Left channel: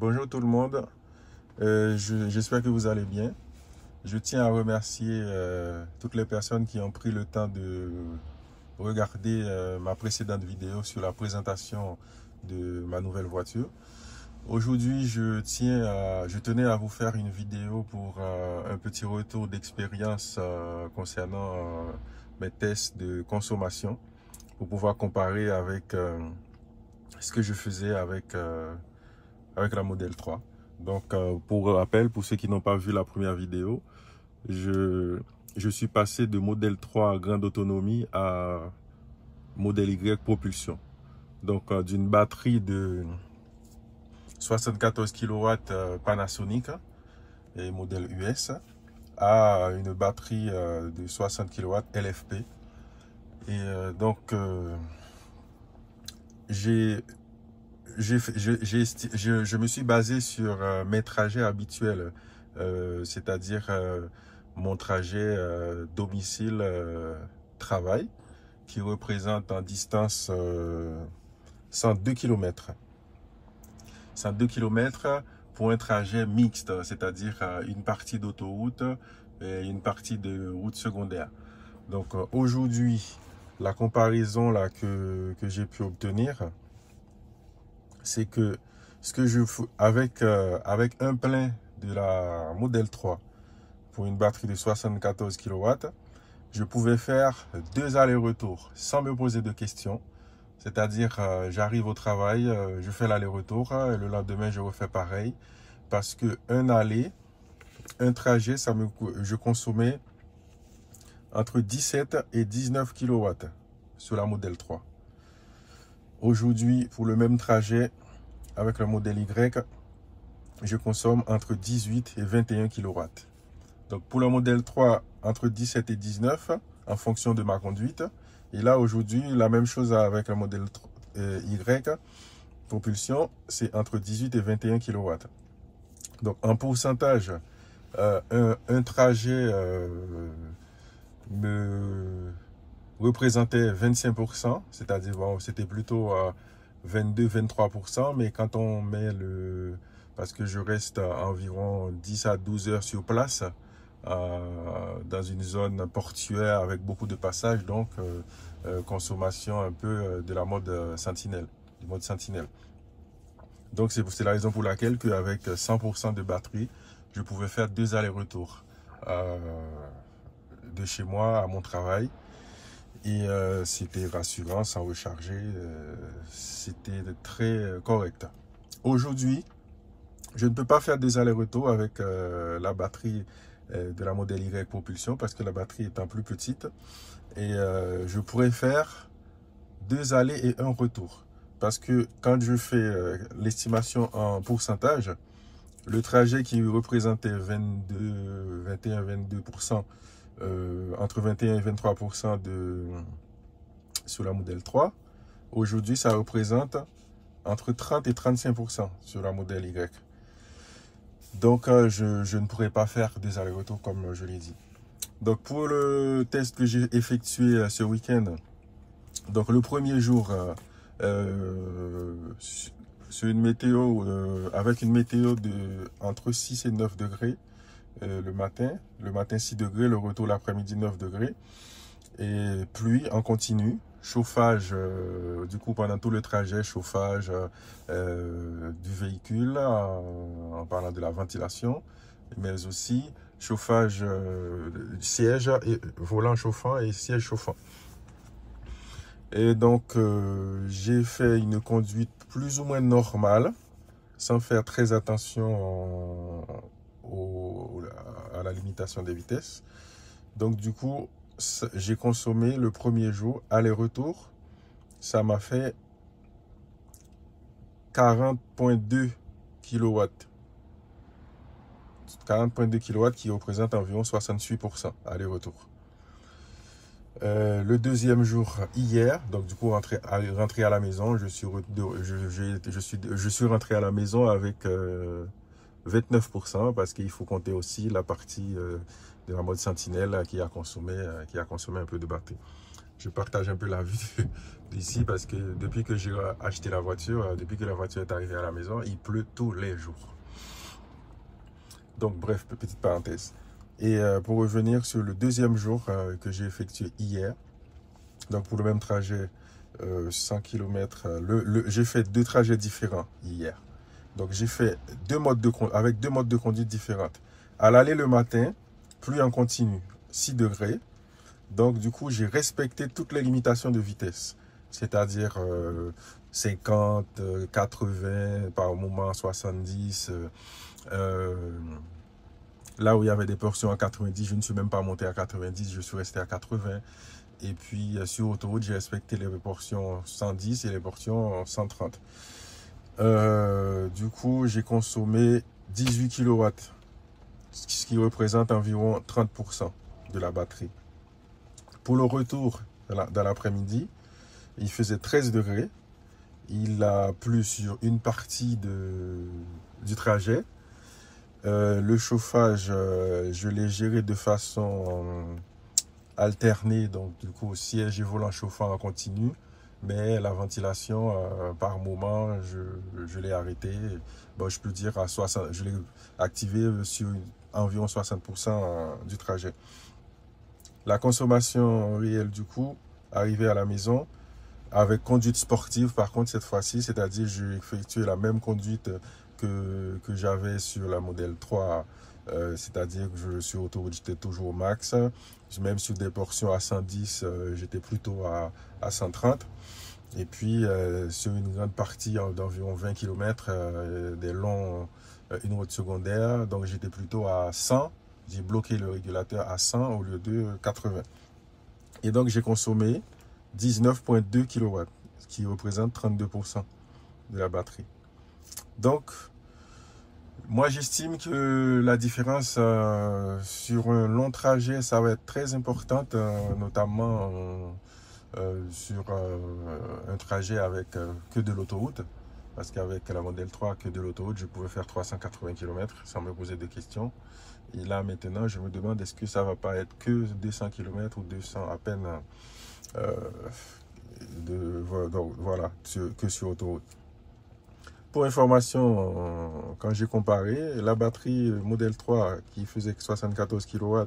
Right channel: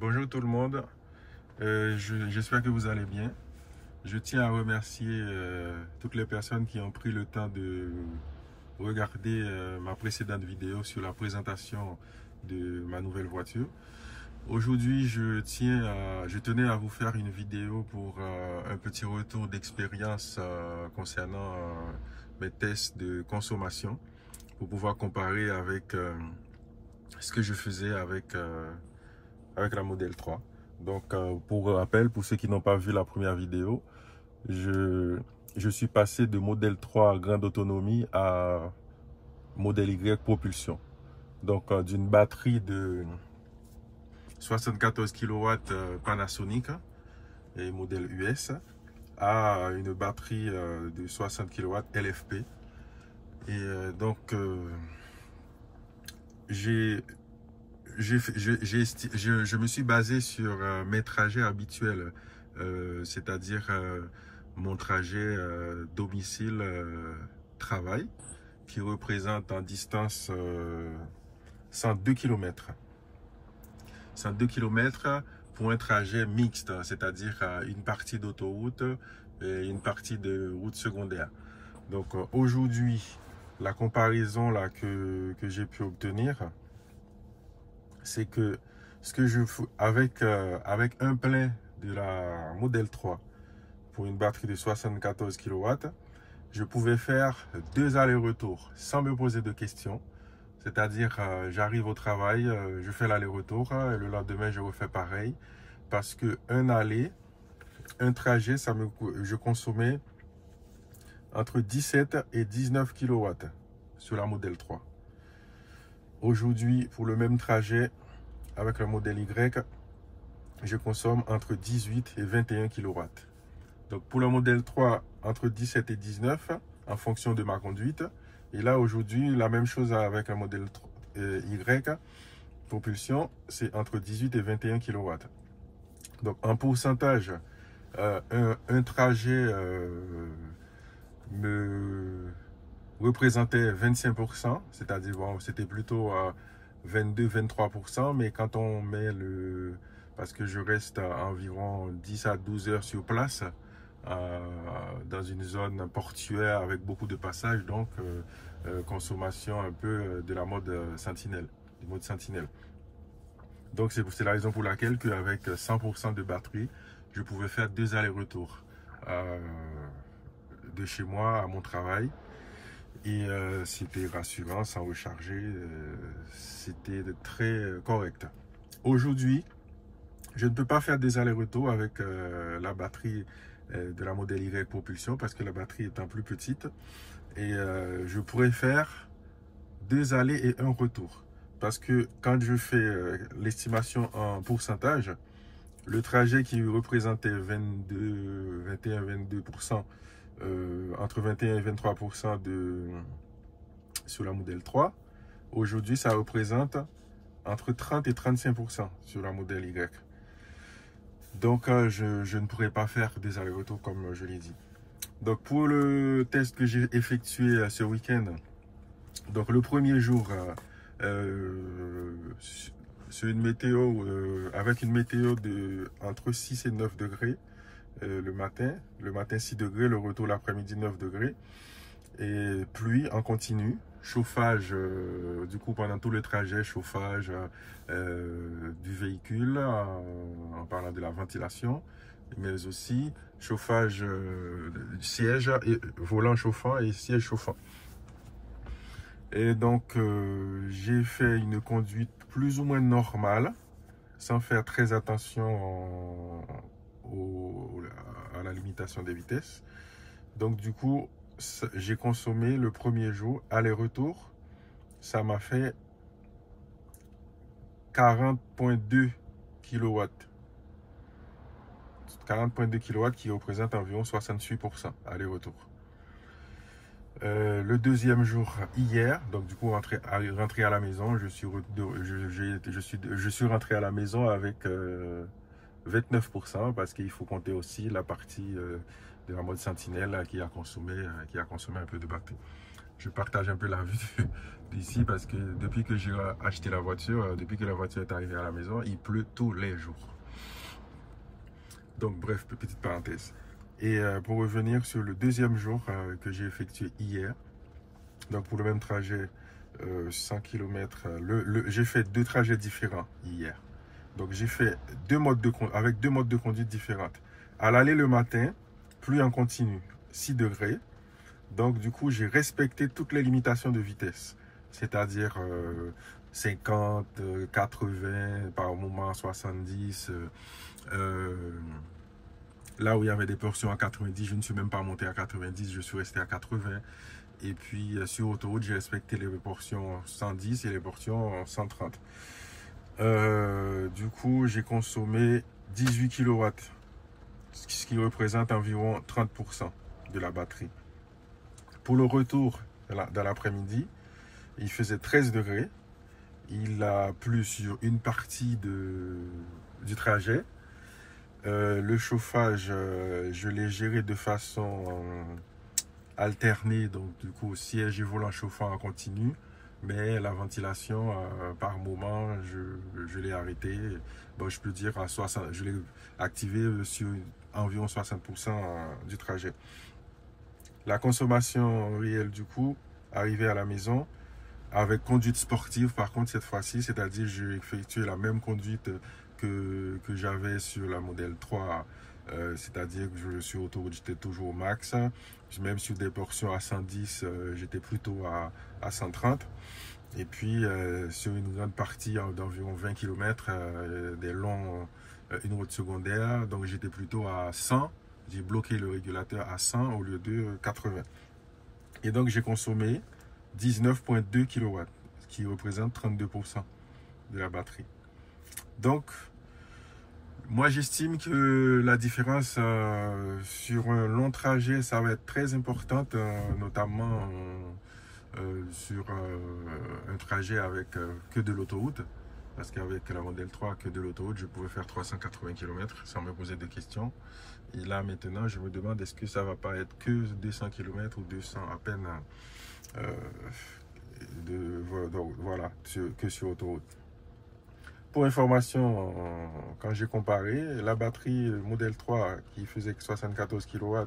Bonjour tout le monde. J'espère que vous allez bien. Je tiens à remercier toutes les personnes qui ont pris le temps de regarder ma précédente vidéo sur la présentation de ma nouvelle voiture. Aujourd'hui, je tenais à vous faire une vidéo pour un petit retour d'expérience concernant mes tests de consommation pour pouvoir comparer avec ce que je faisais avec la Model 3. Donc, pour rappel, pour ceux qui n'ont pas vu la première vidéo, je suis passé de Model 3 grande autonomie à Model Y propulsion. Donc, d'une batterie de 74 kW Panasonic et modèle US à une batterie de 60 kW LFP. Et donc, je me suis basé sur mes trajets habituels, c'est-à-dire mon trajet domicile-travail, qui représente en distance 102 km. 102 km pour un trajet mixte, c'est-à-dire une partie d'autoroute et une partie de route secondaire. Donc aujourd'hui, la comparaison là que j'ai pu obtenir, c'est que avec un plein de la Model 3 pour une batterie de 74 kW, je pouvais faire 2 allers-retours sans me poser de questions. C'est-à-dire, j'arrive au travail, je fais l'aller-retour, le lendemain je refais pareil, parce que un trajet, je consommais entre 17 et 19 kW sur la Model 3. Aujourd'hui, pour le même trajet, avec le modèle Y, je consomme entre 18 et 21 kW. Donc pour le modèle 3, entre 17 et 19, en fonction de ma conduite. Et là, aujourd'hui, la même chose avec le modèle Y, propulsion, c'est entre 18 et 21 kW. Donc en pourcentage, un trajet me représentait 25%, c'est-à-dire bon, c'était plutôt 22-23%, mais quand on met parce que je reste environ 10 à 12 heures sur place, dans une zone portuaire avec beaucoup de passages, donc consommation un peu de la mode Sentinelle, du mode Sentinelle. Donc c'est la raison pour laquelle avec 100% de batterie, je pouvais faire 2 allers-retours de chez moi à mon travail. Et c'était rassurant, sans recharger, c'était très correct. Aujourd'hui, je ne peux pas faire des allers-retours avec la batterie de la Model Y propulsion parce que la batterie étant plus petite. Et je pourrais faire 2 allers et 1 retour. Parce que quand je fais l'estimation en pourcentage, le trajet qui représentait 21-22%, entre 21 et 23% sur la Model 3, aujourd'hui ça représente entre 30 et 35% sur la Model Y. Donc je ne pourrais pas faire des allers-retours comme je l'ai dit. Donc pour le test que j'ai effectué ce week-end, donc le premier jour sur une météo avec une météo de entre 6 et 9 degrés le matin 6 degrés, le retour l'après-midi 9 degrés et pluie en continu, chauffage du coup pendant tout le trajet, chauffage du véhicule en parlant de la ventilation, mais aussi chauffage siège et volant chauffant et siège chauffant. Et donc j'ai fait une conduite plus ou moins normale sans faire très attention à la limitation des vitesses. Donc du coup j'ai consommé le premier jour aller-retour, ça m'a fait 40,2 kW. 40,2 kW qui représente environ 68% aller-retour. Le deuxième jour hier, donc du coup rentré à la maison, je suis rentré à la maison avec 29% parce qu'il faut compter aussi la partie de la mode Sentinelle qui a consommé un peu de batterie. je partage un peu la vue d'ici parce que depuis que j'ai acheté la voiture, depuis que la voiture est arrivée à la maison, il pleut tous les jours. Donc bref, petite parenthèse. Et pour revenir sur le deuxième jour que j'ai effectué hier, donc pour le même trajet, 100 km, j'ai fait 2 trajets différents hier. Donc j'ai fait avec 2 modes de conduite différentes. À l'aller le matin, pluie en continu, 6 degrés. Donc du coup, j'ai respecté toutes les limitations de vitesse. C'est-à-dire 50, 80, par moment 70. Là où il y avait des portions à 90, je ne suis même pas monté à 90, je suis resté à 80. Et puis sur autoroute, j'ai respecté les portions 110 et les portions 130. Du coup, j'ai consommé 18 kW, ce qui représente environ 30% de la batterie. Pour le retour dans l'après-midi, il faisait 13 degrés. Il a plu sur une partie du trajet. Le chauffage, je l'ai géré de façon alternée, donc du coup siège et volant chauffant en continu, mais la ventilation par moment je l'ai arrêté. Bon, je peux dire à 60, je l'ai activé sur environ 60% du trajet. La consommation réelle du coup, arrivé à la maison, avec conduite sportive par contre cette fois-ci, c'est-à-dire j'ai effectué la même conduite que j'avais sur la modèle 3, c'est-à-dire que sur autoroute j'étais toujours au max, même sur des portions à 110 j'étais plutôt à 130, et puis sur une grande partie d'environ 20 km, une route secondaire, donc j'étais plutôt à 100, j'ai bloqué le régulateur à 100 au lieu de 80, et donc j'ai consommé 19,2 kW, ce qui représente 32% de la batterie. Donc, moi j'estime que la différence sur un long trajet, ça va être très importante, notamment sur un trajet avec que de l'autoroute. Parce qu'avec la modèle 3, que de l'autoroute, je pouvais faire 380 km sans me poser de questions. Et là maintenant, je me demande est-ce que ça va pas être que 200 km ou 200 à peine donc, voilà, que sur autoroute. Pour information, quand j'ai comparé, la batterie modèle 3 qui faisait 74 kW,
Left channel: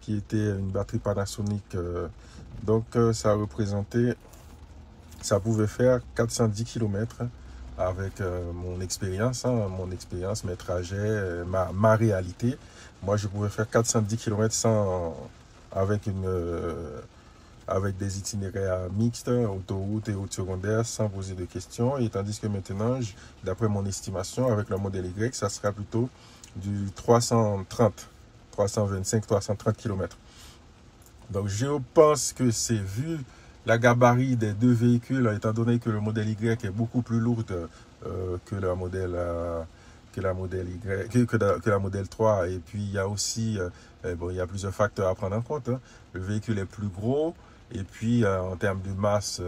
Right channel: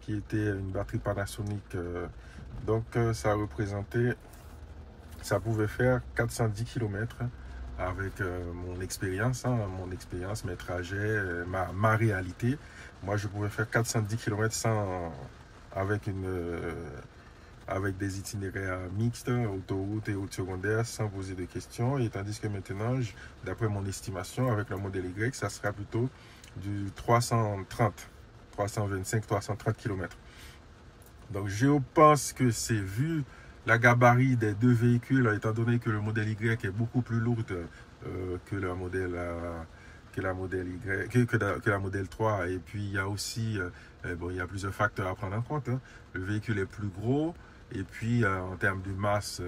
qui était une batterie Panasonic, donc ça représentait, ça pouvait faire 410 km avec mon expérience, mes trajets, ma réalité. Moi, je pouvais faire 410 km avec des itinéraires mixtes, autoroute et route secondaire, sans poser de questions. Et tandis que maintenant, d'après mon estimation, avec le modèle Y, ça sera plutôt du 325, 330 km. Donc je pense que c'est vu la gabarit des deux véhicules, étant donné que le modèle Y est beaucoup plus lourd que la modèle modèle 3. Et puis il y a aussi, il y a plusieurs facteurs à prendre en compte. Le véhicule est plus gros. Et puis, en termes de masse,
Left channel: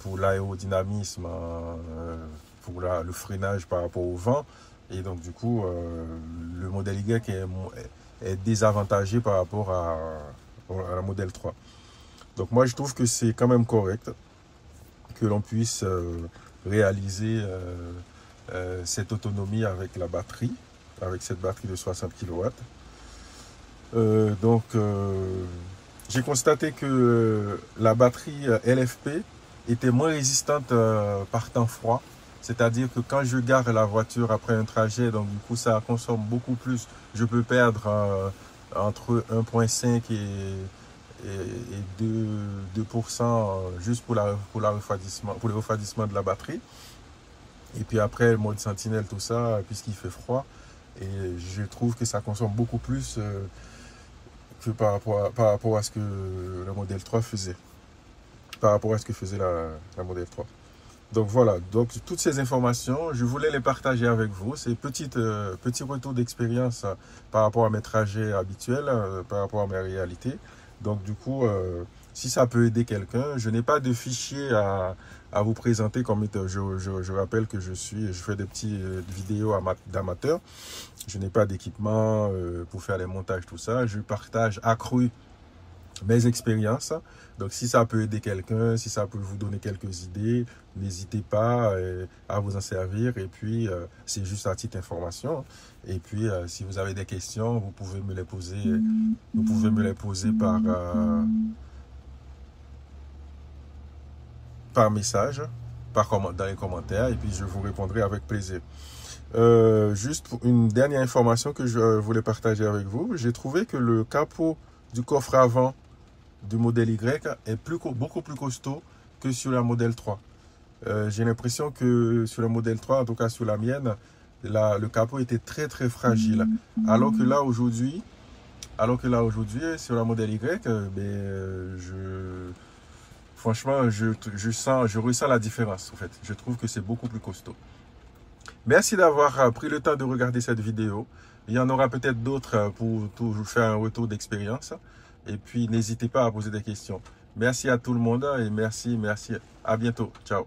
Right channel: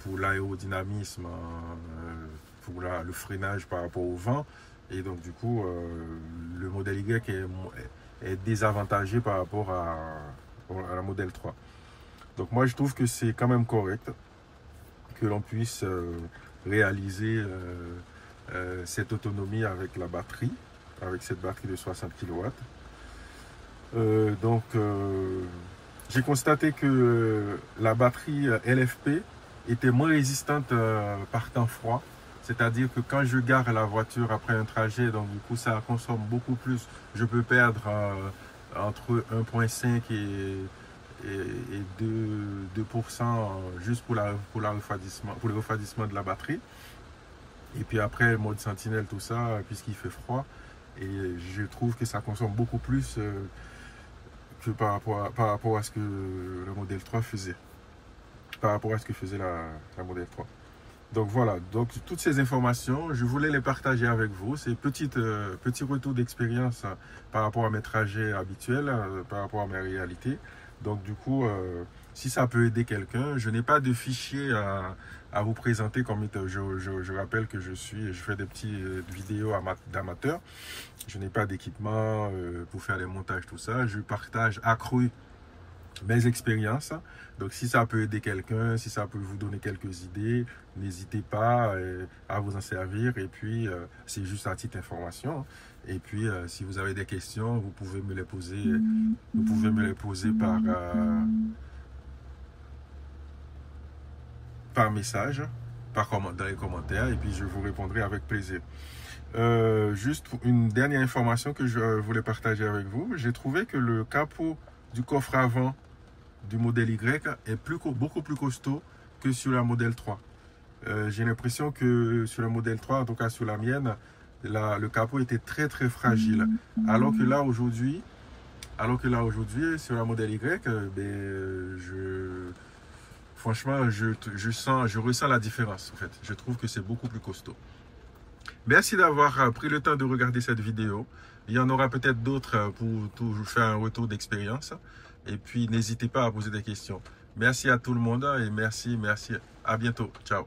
pour l'aérodynamisme, pour le freinage par rapport au vent. Et donc, du coup, le modèle Y est désavantagé par rapport à la modèle 3. Donc, moi, je trouve que c'est quand même correct que l'on puisse réaliser cette autonomie avec la batterie, avec cette batterie de 60 kW. J'ai constaté que la batterie LFP était moins résistante par temps froid. C'est-à-dire que quand je gare la voiture après un trajet, donc du coup ça consomme beaucoup plus. Je peux perdre entre 1,5 et 2% juste pour le refroidissement de la batterie. Et puis après, le mode sentinelle, tout ça, puisqu'il fait froid. Et je trouve que ça consomme beaucoup plus que par rapport à ce que le modèle 3 faisait, par rapport à ce que faisait la modèle 3. Donc voilà, donc toutes ces informations, je voulais les partager avec vous. C'est petit retour d'expérience par rapport à mes trajets habituels, par rapport à mes réalités. Donc du coup, si ça peut aider quelqu'un, je n'ai pas de fichier à vous présenter comme étant, je rappelle que je fais des petites vidéos d'amateurs. Je n'ai pas d'équipement pour faire les montages, tout ça. Je partage accru mes expériences. Donc, si ça peut aider quelqu'un, si ça peut vous donner quelques idées, n'hésitez pas à vous en servir. Et puis, c'est juste à titre d'information. Et puis, si vous avez des questions, vous pouvez me les poser. Vous pouvez me les poser par message, dans les commentaires. Et puis, je vous répondrai avec plaisir. Juste pour une dernière information que je voulais partager avec vous. J'ai trouvé que le capot du coffre avant du modèle Y est beaucoup plus costaud que sur la modèle 3. J'ai l'impression que sur le modèle 3, en tout cas sur la mienne, le capot était très fragile. Alors que là aujourd'hui, sur la modèle Y, franchement, je ressens la différence. En fait, je trouve que c'est beaucoup plus costaud. Merci d'avoir pris le temps de regarder cette vidéo. Il y en aura peut-être d'autres pour vous faire un retour d'expérience. Et puis, n'hésitez pas à poser des questions. Merci à tout le monde et merci. À bientôt. Ciao.